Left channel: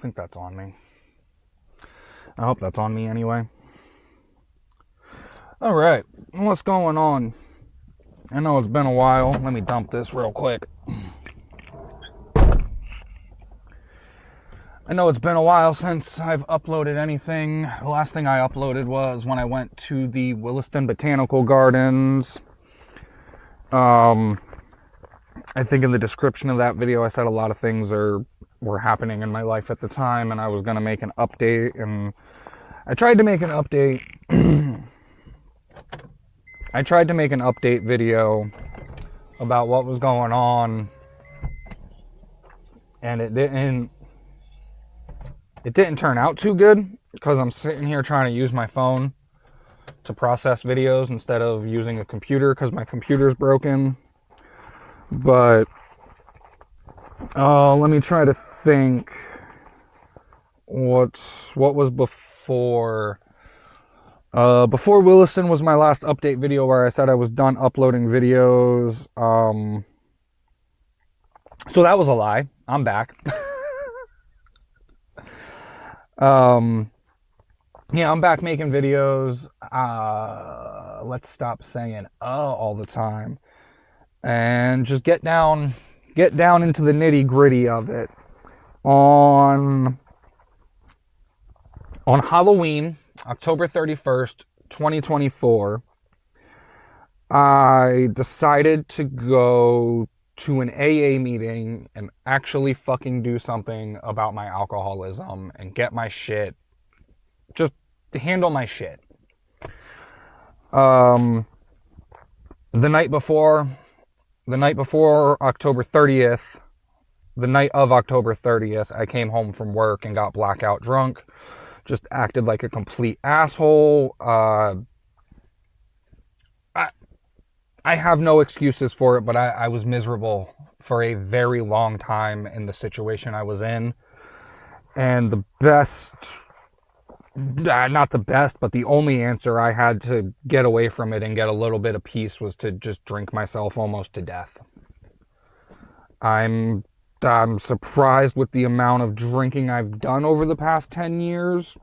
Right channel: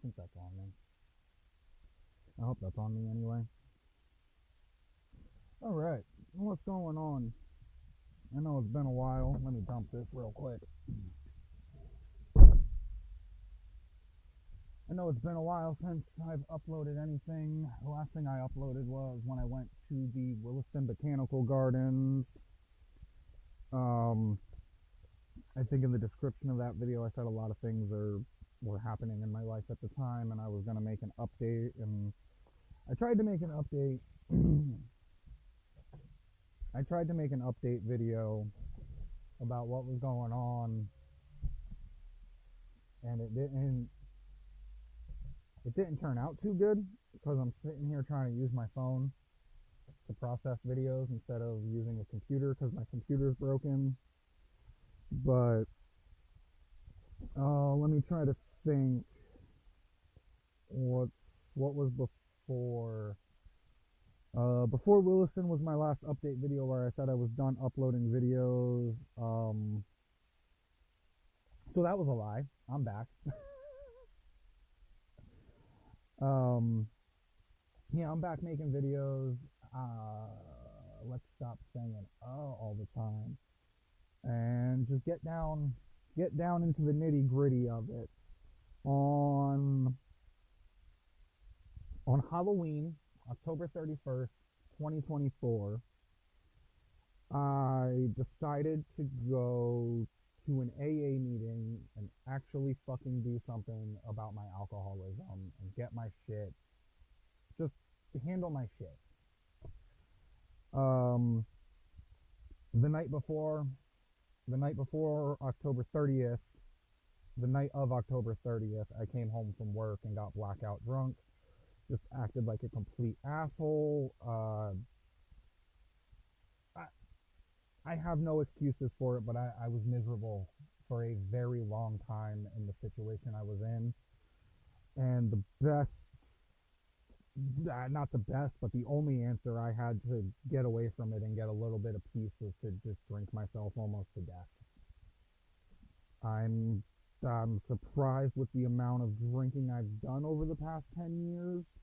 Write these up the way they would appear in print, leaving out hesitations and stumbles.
think that's on me. I hope that's on me anyway. Alright, what's going on? I know it's been a while. Let me dump this real quick. I know it's been a while since I've uploaded anything. The last thing I uploaded was when I went to the Williston Botanical Gardens. I think in the description of that video I said a lot of things were happening in my life at the time, and I was going to make an update, and I tried to make an update. I tried to make an update video about what was going on, and it didn't turn out too good because I'm sitting here trying to use my phone to process videos instead of using a computer because my computer's broken. But let me try to think what was before. Before Williston was my last update video where I said I was done uploading videos. So that was a lie. I'm back. Yeah, I'm back making videos. Let's stop saying all the time and just get down into the nitty-gritty of it. On Halloween, October 31st, 2024, I decided to go to an AA meeting and actually fucking do something about my alcoholism and get my shit, just handle my shit. The night before October 30th, the night of October 30th, I came home from work and got blackout drunk. Just acted like a complete asshole. I have no excuses for it, but I was miserable for a very long time in the situation I was in. And the best, not the best, but the only answer I had to get away from it and get a little bit of peace was to just drink myself almost to death. I'm surprised with the amount of drinking I've done over the past 10 years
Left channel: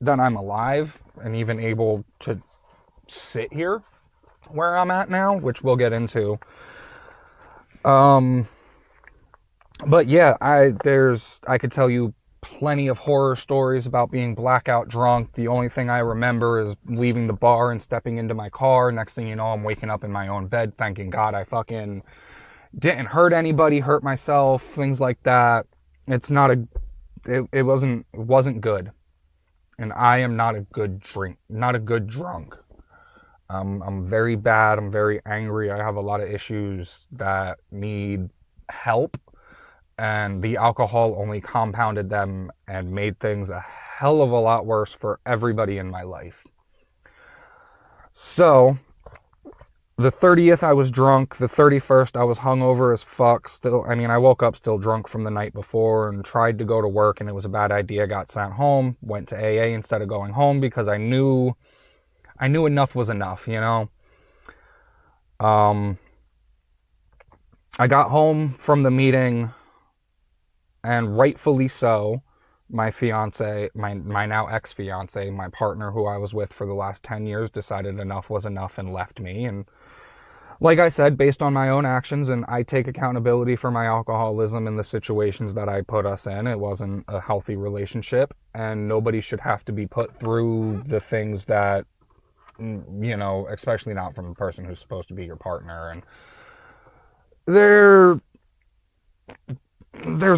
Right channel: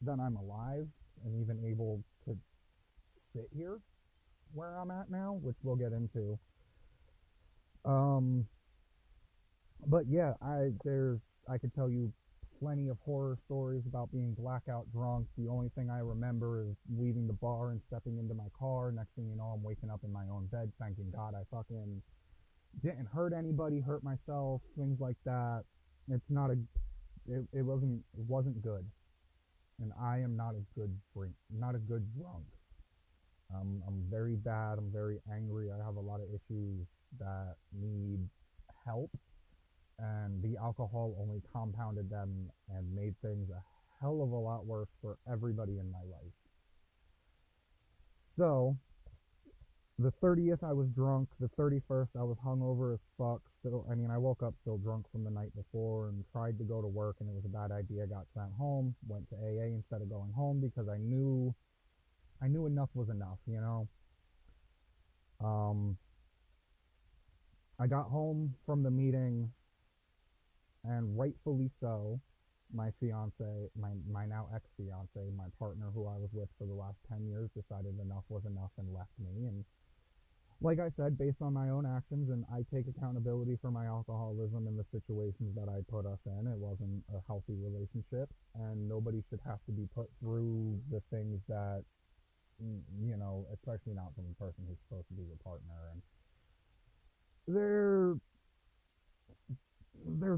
that I'm alive and even able to sit here where I'm at now, which we'll get into. But yeah, I could tell you plenty of horror stories about being blackout drunk. The only thing I remember is leaving the bar and stepping into my car. Next thing you know, I'm waking up in my own bed, thanking God I fucking didn't hurt anybody, hurt myself, things like that. It wasn't good. And I am not a good drunk. I'm very bad. I'm very angry. I have a lot of issues that need help. And the alcohol only compounded them and made things a hell of a lot worse for everybody in my life. So, the 30th I was drunk. The 31st I was hungover as fuck. I woke up still drunk from the night before and tried to go to work, and it was a bad idea. Got sent home. Went to AA instead of going home because I knew enough was enough, you know. I got home from the meeting, and rightfully so, my fiance, my now ex-fiance, my partner who I was with for the last 10 years, decided enough was enough and left me. And like I said, based on my own actions, and I take accountability for my alcoholism and the situations that I put us in, it wasn't a healthy relationship, and nobody should have to be put through the things that, you know, especially not from the person who's supposed to be your partner. And there's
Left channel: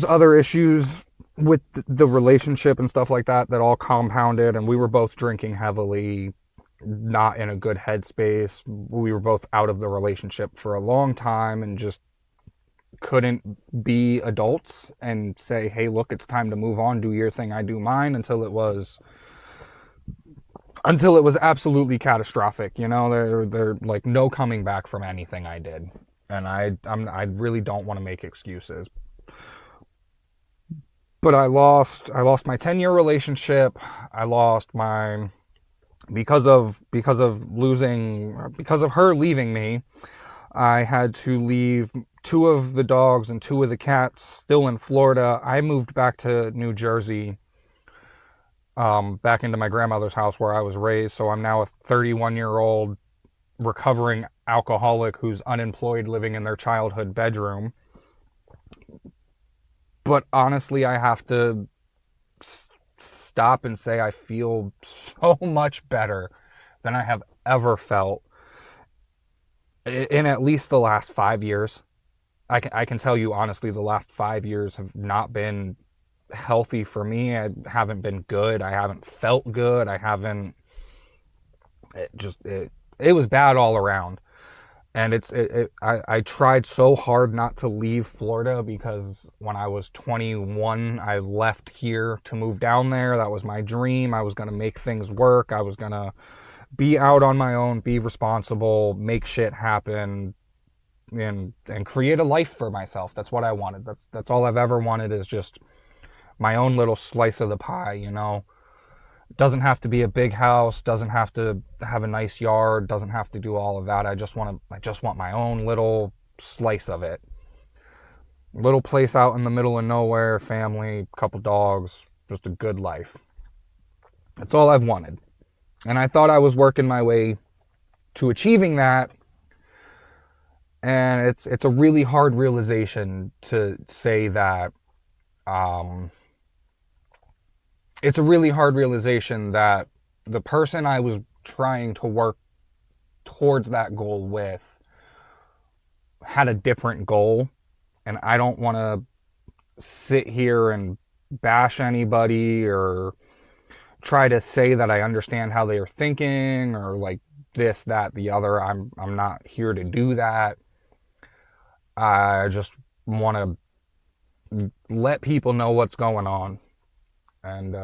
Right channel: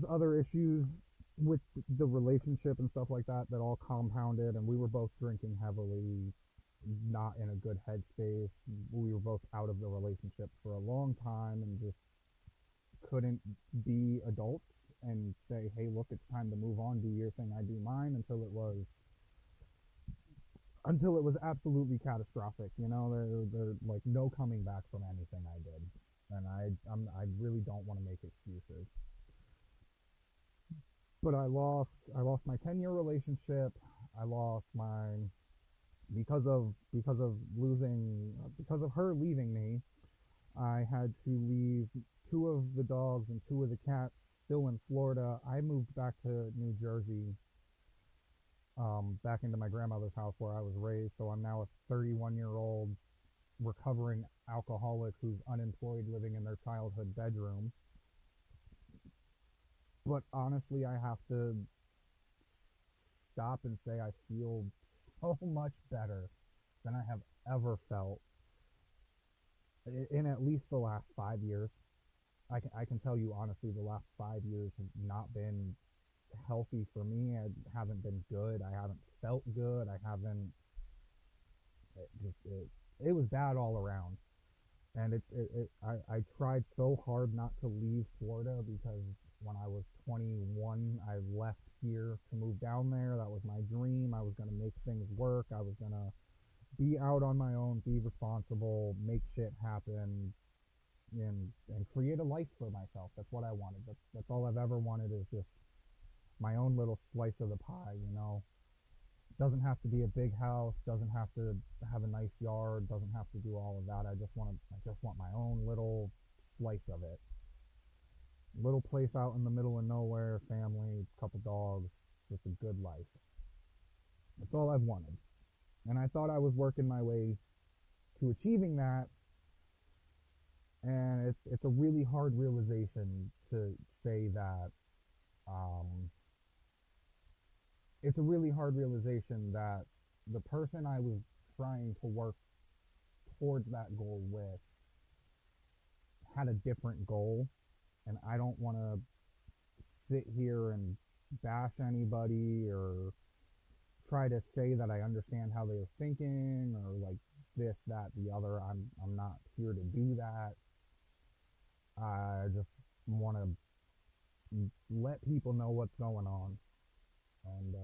other issues with the relationship and stuff like that all compounded, and we were both drinking heavily, not in a good headspace. We were both out of the relationship for a long time and just couldn't be adults and say, hey, look, it's time to move on, do your thing, I do mine, until it was absolutely catastrophic. You know, there like no coming back from anything I did. And I really don't want to make excuses. But I lost my 10-year relationship. I lost my, because of her leaving me, I had to leave 2 of the dogs and 2 of the cats still in Florida. I moved back to New Jersey, back into my grandmother's house where I was raised. So I'm now a 31-year-old recovering alcoholic who's unemployed living in their childhood bedroom. But honestly, I have to stop and say I feel so much better than I have ever felt in at least the last 5 years. I can tell you honestly, the last 5 years have not been healthy for me. I haven't been good. I haven't felt good. I haven't. It was bad all around. And I tried so hard not to leave Florida because when I was 21, I left here to move down there. That was my dream. I was going to make things work. I was going to be out on my own, be responsible, make shit happen, and create a life for myself. That's what I wanted. That's all I've ever wanted, is just my own little slice of the pie, you know. It doesn't have to be a big house, doesn't have to have a nice yard, doesn't have to do all of that. I just want my own little slice of it. Little place out in the middle of nowhere, family, couple dogs, just a good life. That's all I've wanted. And I thought I was working my way to achieving that. And it's a really hard realization to say that. It's a really hard realization that the person I was trying to work towards that goal with had a different goal. And I don't want to sit here and bash anybody or try to say that I understand how they are thinking or like this, that, the other. I'm not here to do that. I just want to let people know what's going on. And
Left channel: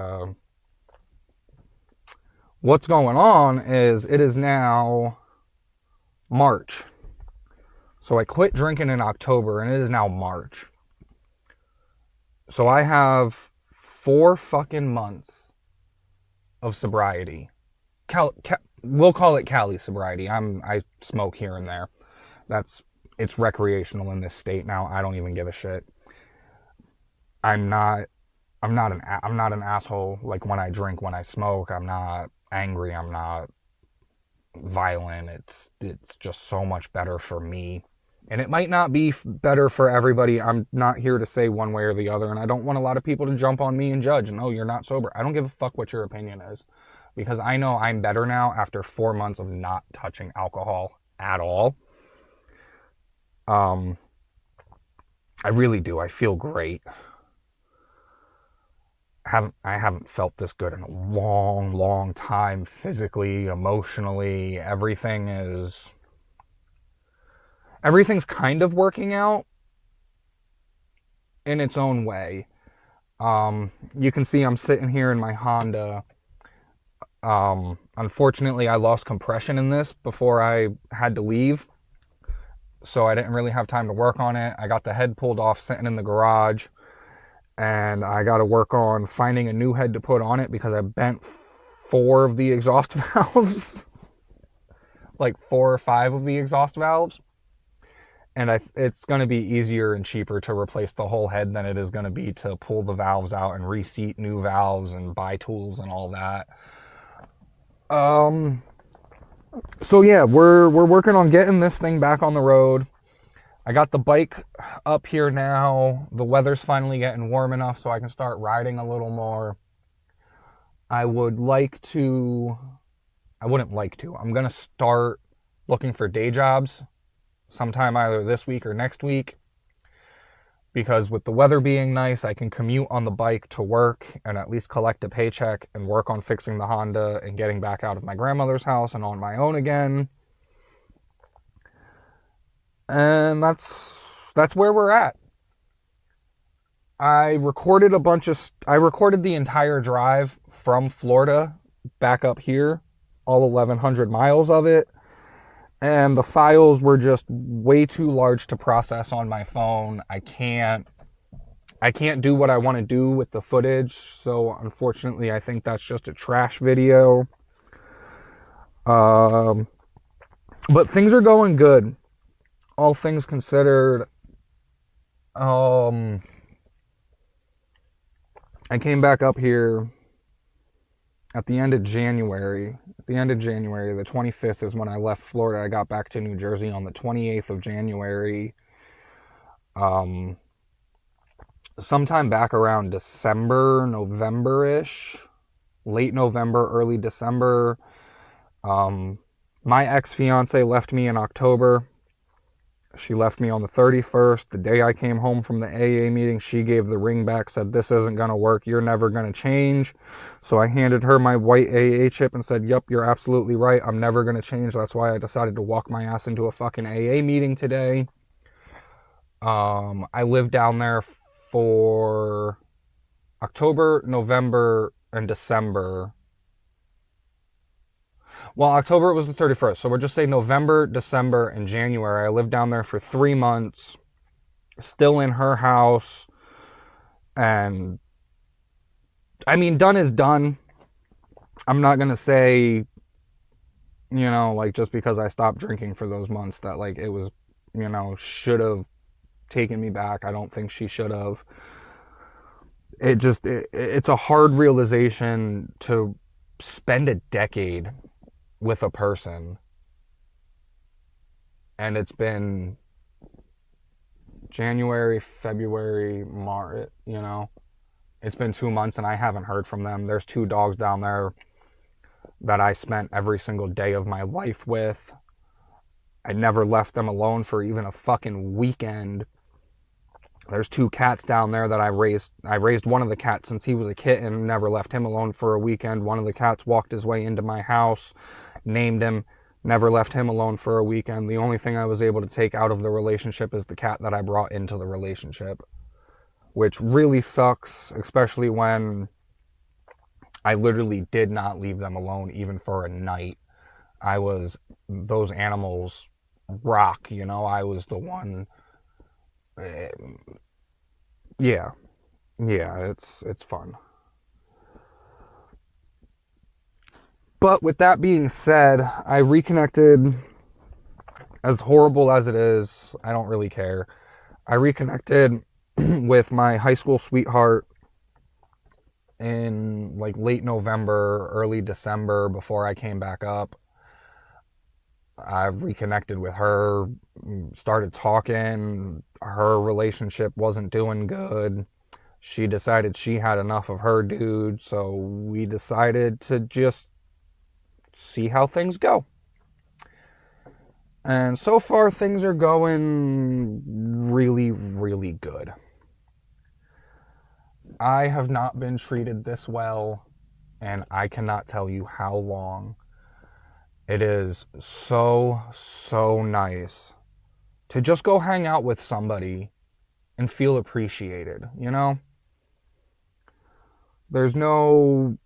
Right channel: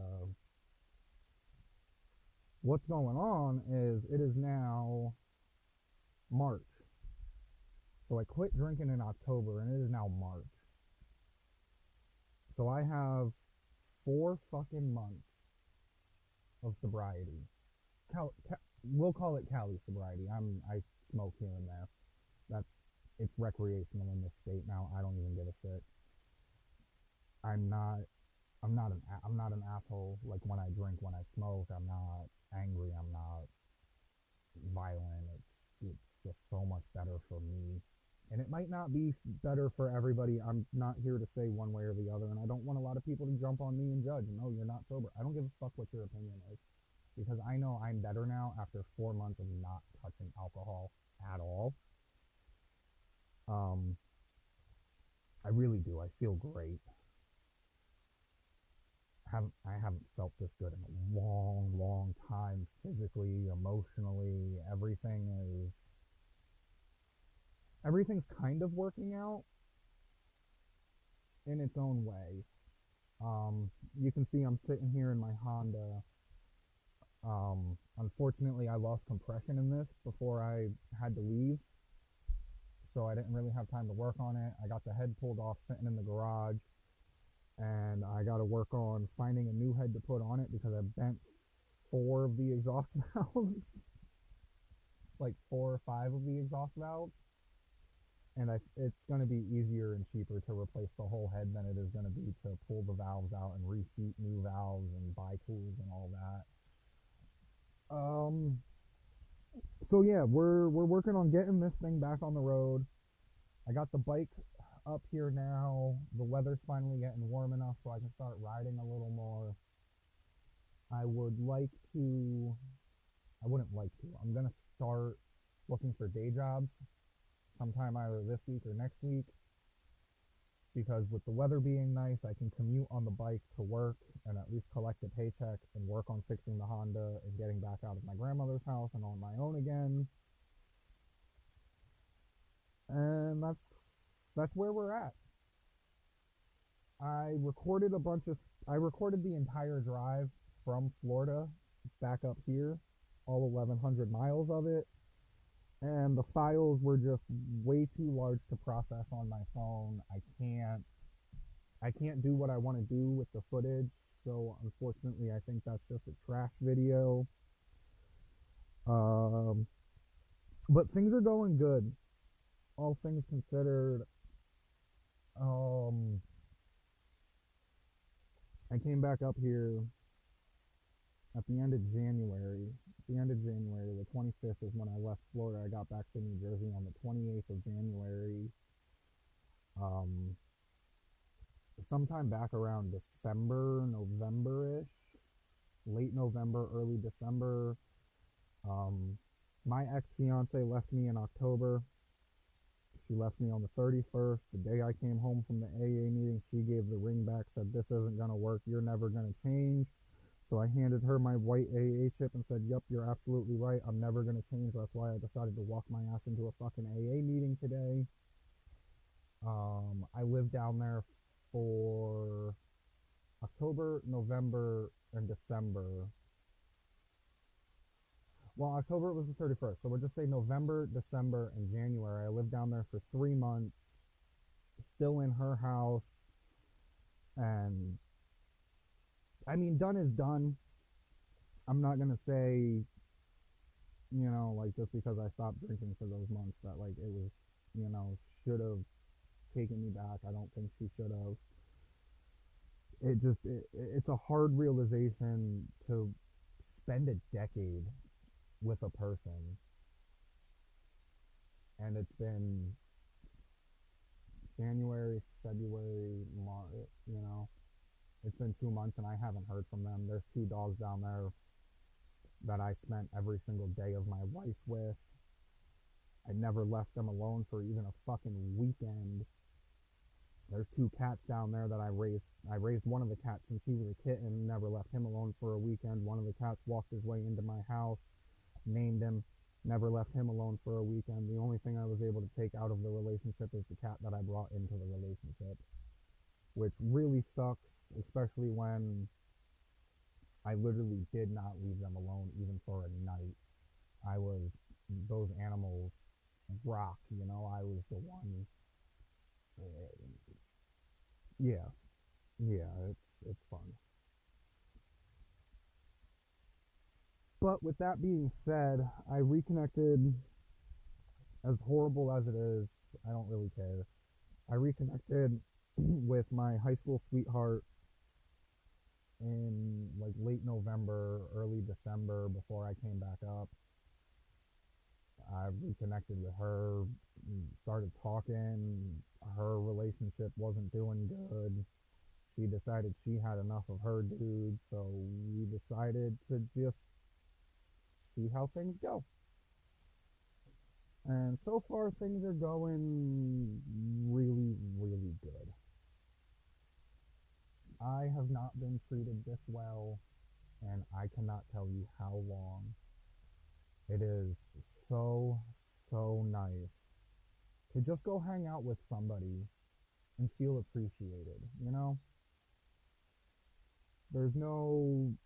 what's going on is it is now March. So I quit drinking in October and it is now March. So I have 4 fucking months of sobriety. We'll call it Cali sobriety. I smoke here and there. It's recreational in this state now. I don't even give a shit. I'm not an asshole like when I drink, when I smoke. I'm not angry. I'm not violent. It's just so much better for me. And it might not be better for everybody. I'm not here to say one way or the other. And I don't want a lot of people to jump on me and judge. No, you're not sober. I don't give a fuck what your opinion is. Because I know I'm better now after 4 months of not touching alcohol at all. I really do. I feel great. I haven't felt this good in a long, long time, physically, emotionally. Everything's kind of working out in its own way. You can see I'm sitting here in my Honda. Unfortunately, I lost compression in this before I had to leave, so I didn't really have time to work on it. I got the head pulled off sitting in the garage, and I got to work on finding a new head to put on it because I bent 4 of the exhaust valves, like 4 or 5 of the exhaust valves, and it's going to be easier and cheaper to replace the whole head than it is going to be to pull the valves out and reseat new valves and buy tools and all that. So yeah, we're working on getting this thing back on the road. I got the bike up here now. The weather's finally getting warm enough so I can start riding a little more. I'm gonna start looking for day jobs sometime either this week or next week. Because with the weather being nice, I can commute on the bike to work and at least collect a paycheck and work on fixing the Honda and getting back out of my grandmother's house and on my own again. And that's where we're at. I recorded the entire drive from Florida back up here, all 1,100 miles of it. And the files were just way too large to process on my phone. I can't do what I want to do with the footage, so unfortunately I think that's just a trash video. But things are going good. All things considered, Um, I came back up here at the end of January. At the end of January, the 25th is when I left Florida. I got back to New Jersey on the 28th of January. Um, Sometime back around December, November-ish, late November, early December. Um, my ex-fiance left me in October. She left me on the 31st. The day I came home from the AA meeting, she gave the ring back, said, "This isn't going to work. You're never going to change." So I handed her my white AA chip and said, "Yep, you're absolutely right. I'm never going to change. That's why I decided to walk my ass into a fucking AA meeting today." I lived down there for October, November, and December. Well, October was the 31st. So we'll just say November, December, and January. I lived down there for 3 months, still in her house. And I mean, done is done. I'm not going to say, like just because I stopped drinking for those months that like it was, should have taken me back. I don't think she should have. It's a hard realization to spend a decade with a person, and it's been January, February, March, it's been 2 months and I haven't heard from them. There's two dogs down there that I spent every single day of my life with. I never left them alone for even a fucking weekend. There's two cats down there that I raised. I raised one of the cats since he was a kitten, never left him alone for a weekend. One of the cats walked his way into my house, named him, never left him alone for a weekend. The only thing I was able to take out of the relationship is the cat that I brought into the relationship, which really sucks, especially when I literally did not leave them alone even for a night. Those animals rock, I was the one. Yeah, yeah, it's fun. But with that being said, I reconnected. As horrible as it is, I don't really care. I reconnected with my high school sweetheart in like late November, early December before I came back up. I reconnected with her, started talking. Her relationship wasn't doing good. She decided she had enough of her dude, so we decided to just see how things go. And so far, things are going really, really good. I have not been treated this well, and I cannot tell you how long. It is so, so nice to just go hang out with somebody and feel appreciated, There's no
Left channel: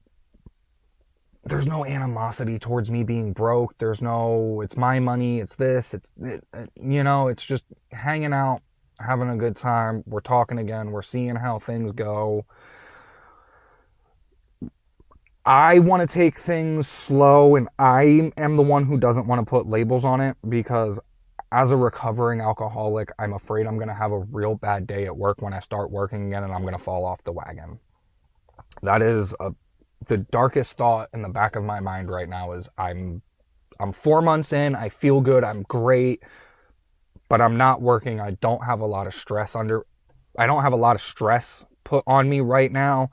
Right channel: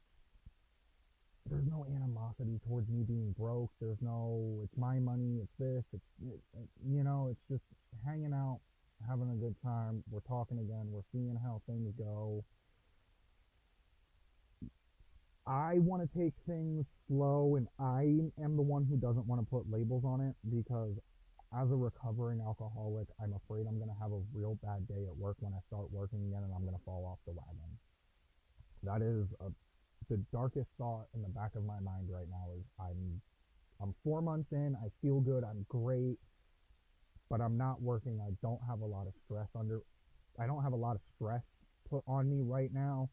there's no animosity towards me being broke. There's no it's my money, it's this, it's just hanging out, having a good time. We're talking again, we're seeing how things go. I want to take things slow, and I am the one who doesn't want to put labels on it because as a recovering alcoholic, I'm afraid I'm going to have a real bad day at work when I start working again and I'm going to fall off the wagon. That is the darkest thought in the back of my mind right now is I'm 4 months in, I feel good, I'm great, but I'm not working. I don't have a lot of stress put on me right now,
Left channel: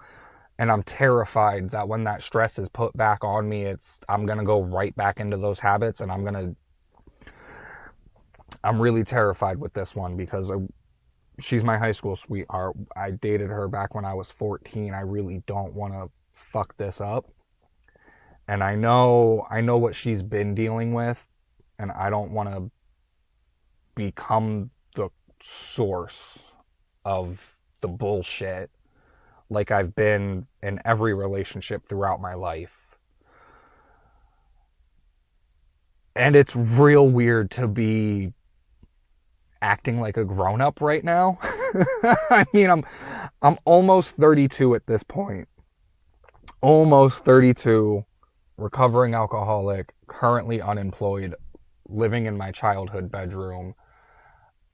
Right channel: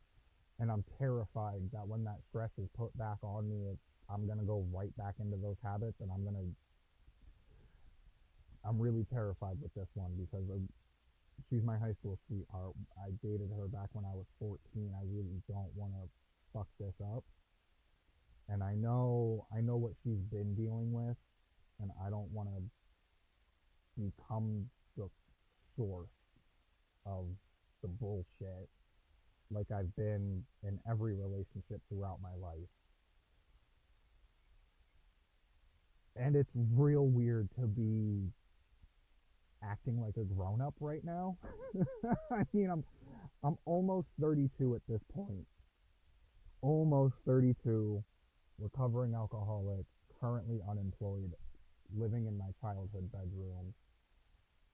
and I'm terrified that when that stress is put back on me, I'm going to go right back into those habits, and I'm really terrified with this one because she's my high school sweetheart. I dated her back when I was 14. I really don't want to fuck this up. And I know what she's been dealing with, and I don't want to become the source of the bullshit like I've been in every relationship throughout my life. And it's real weird to be acting like a grown up right now. I mean, I'm almost 32 at this point. Almost 32, recovering alcoholic, currently unemployed, living in my childhood bedroom.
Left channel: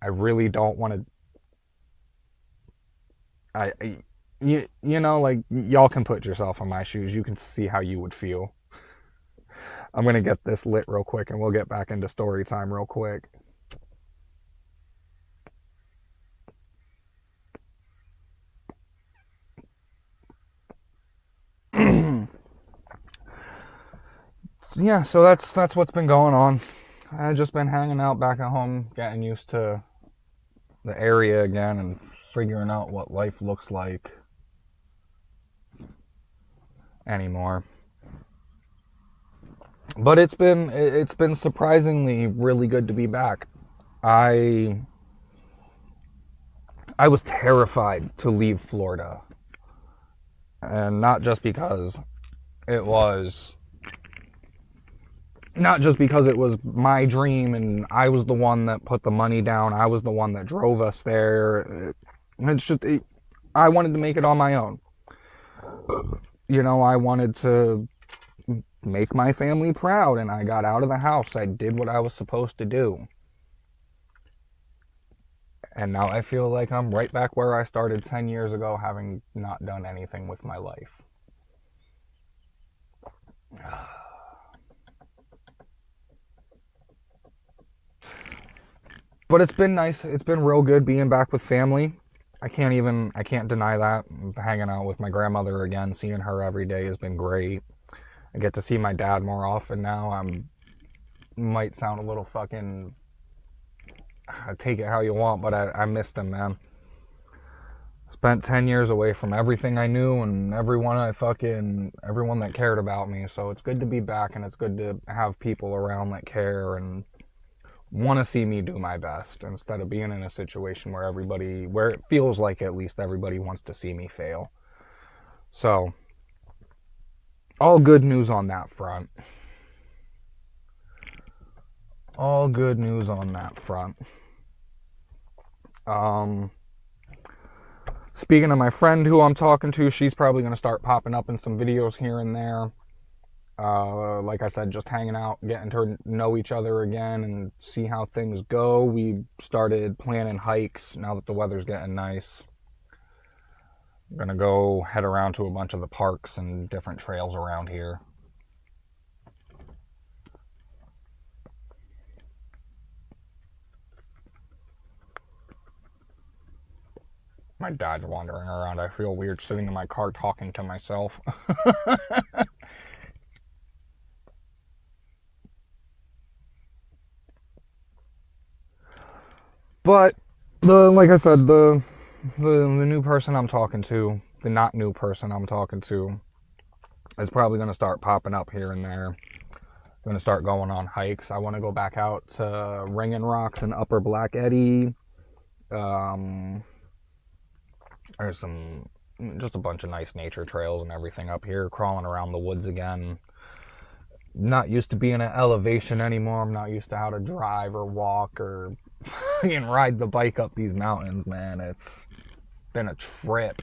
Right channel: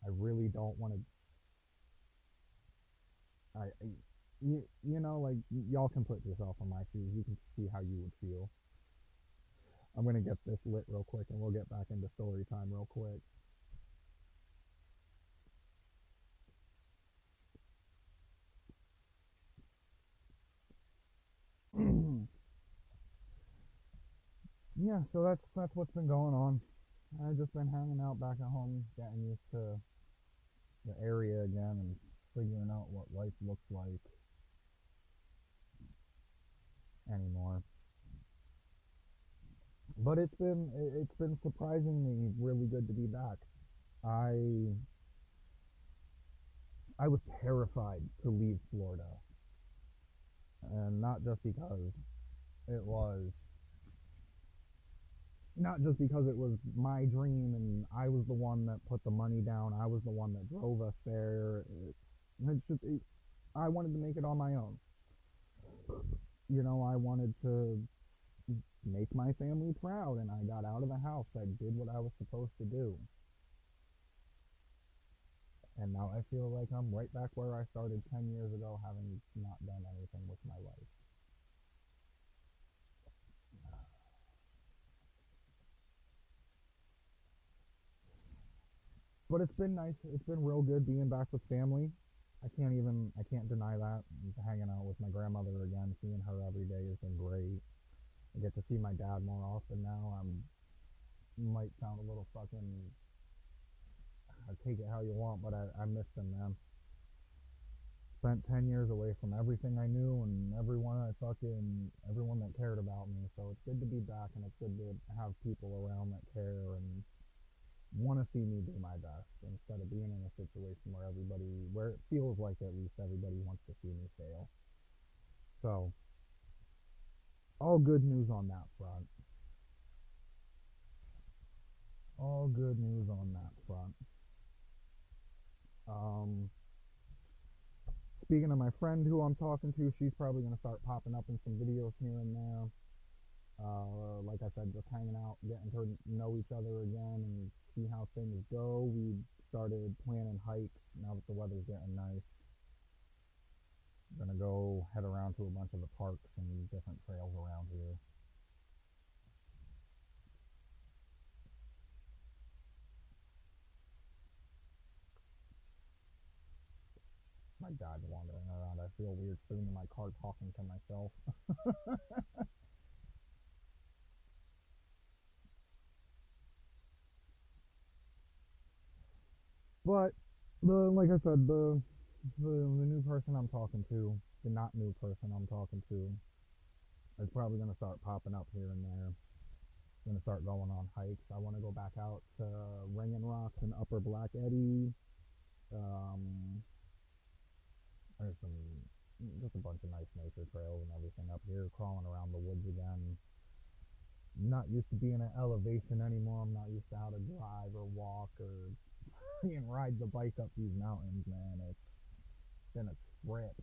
I really don't want to I you know, like, y'all can put yourself in my shoes. You can see how you would feel. I'm gonna get this lit real quick, and we'll get back into story time real quick. Yeah, so that's what's been going on. I've just been hanging out back at home, getting used to the area again, and figuring out what life looks like anymore. But it's been surprisingly really good to be back. I I was terrified to leave Florida, and it was not just because it was my dream and I was the one that put the money down. I was the one that drove us there. It's just I wanted to make it on my own. You know, I wanted to make my family proud, and I got out of the house. I did what I was supposed to do. And now I feel like I'm right back where I started 10 years ago, having not done anything with my life. But it's been nice. It's been real good being back with family. I can't deny that. Hanging out with my grandmother again, seeing her every day has been great. I get to see my dad more often now. Might sound a little fucking, take it how you want, but I missed him, man. Spent 10 years away from everything I knew and everyone that cared about me. So it's good to be back, and it's good to have people around that care and want to see me do my best, instead of being in a situation where it feels like at least everybody wants to see me fail. So, all good news on that front. All good news on that front. Um, Speaking of my friend who I'm talking to, she's probably going to start popping up in some videos here and there. Like I said, just hanging out, getting to know each other again and see how things go. We started planning hikes now that the weather's getting nice. I'm gonna go head around to a bunch of the parks and different trails around here. My dad's wandering around. I feel weird sitting in my car talking to myself. But like I said, the new person I'm talking to, the not new person I'm talking to, is probably gonna start popping up here and there. I'm gonna start going on hikes. I want to go back out to Ringing Rocks and Upper Black Eddy. Um, there's just a bunch of nice nature trails and everything up here. Crawling around the woods again. Not used to being at elevation anymore. I'm not used to how to drive or walk or and ride the bike up these mountains, man. It's been a trip.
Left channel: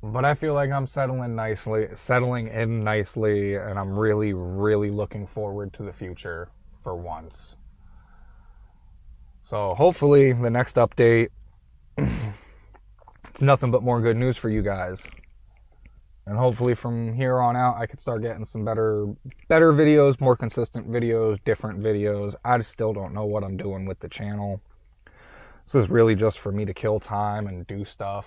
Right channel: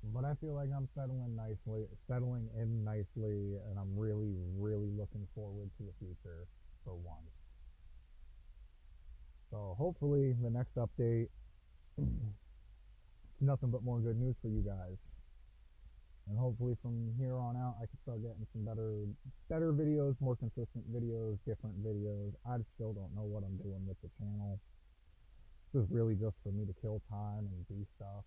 But I feel like I'm settling in nicely, and I'm really, really looking forward to the future for once. So hopefully the next update, it's nothing but more good news for you guys. And hopefully from here on out I can start getting some better videos, more consistent videos, different videos. I still don't know what I'm doing with the channel. This is really just for me to kill time and do stuff.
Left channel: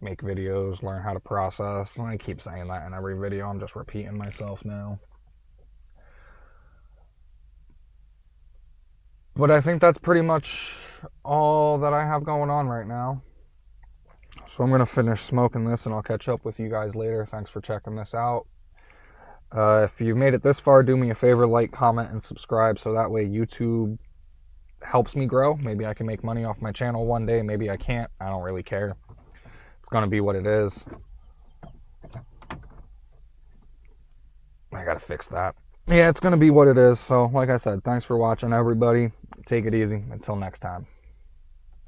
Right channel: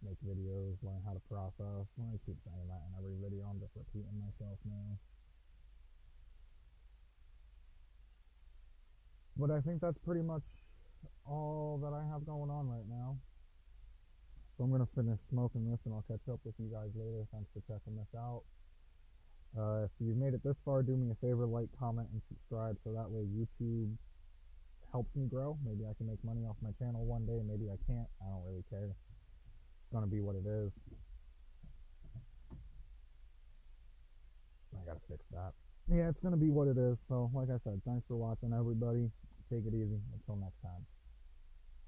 Make videos, learn how to process. I keep saying that in every video. I'm just repeating myself now. But I think that's pretty much all that I have going on right now. So I'm going to finish smoking this, and I'll catch up with you guys later. Thanks for checking this out. If you made it this far, do me a favor, like, comment, and subscribe, so that way YouTube helps me grow. Maybe I can make money off my channel one day. Maybe I can't. I don't really care. It's going to be what it is. I got to fix that. Yeah, it's going to be what it is. So, like I said, thanks for watching, everybody. Take it easy. Until next time.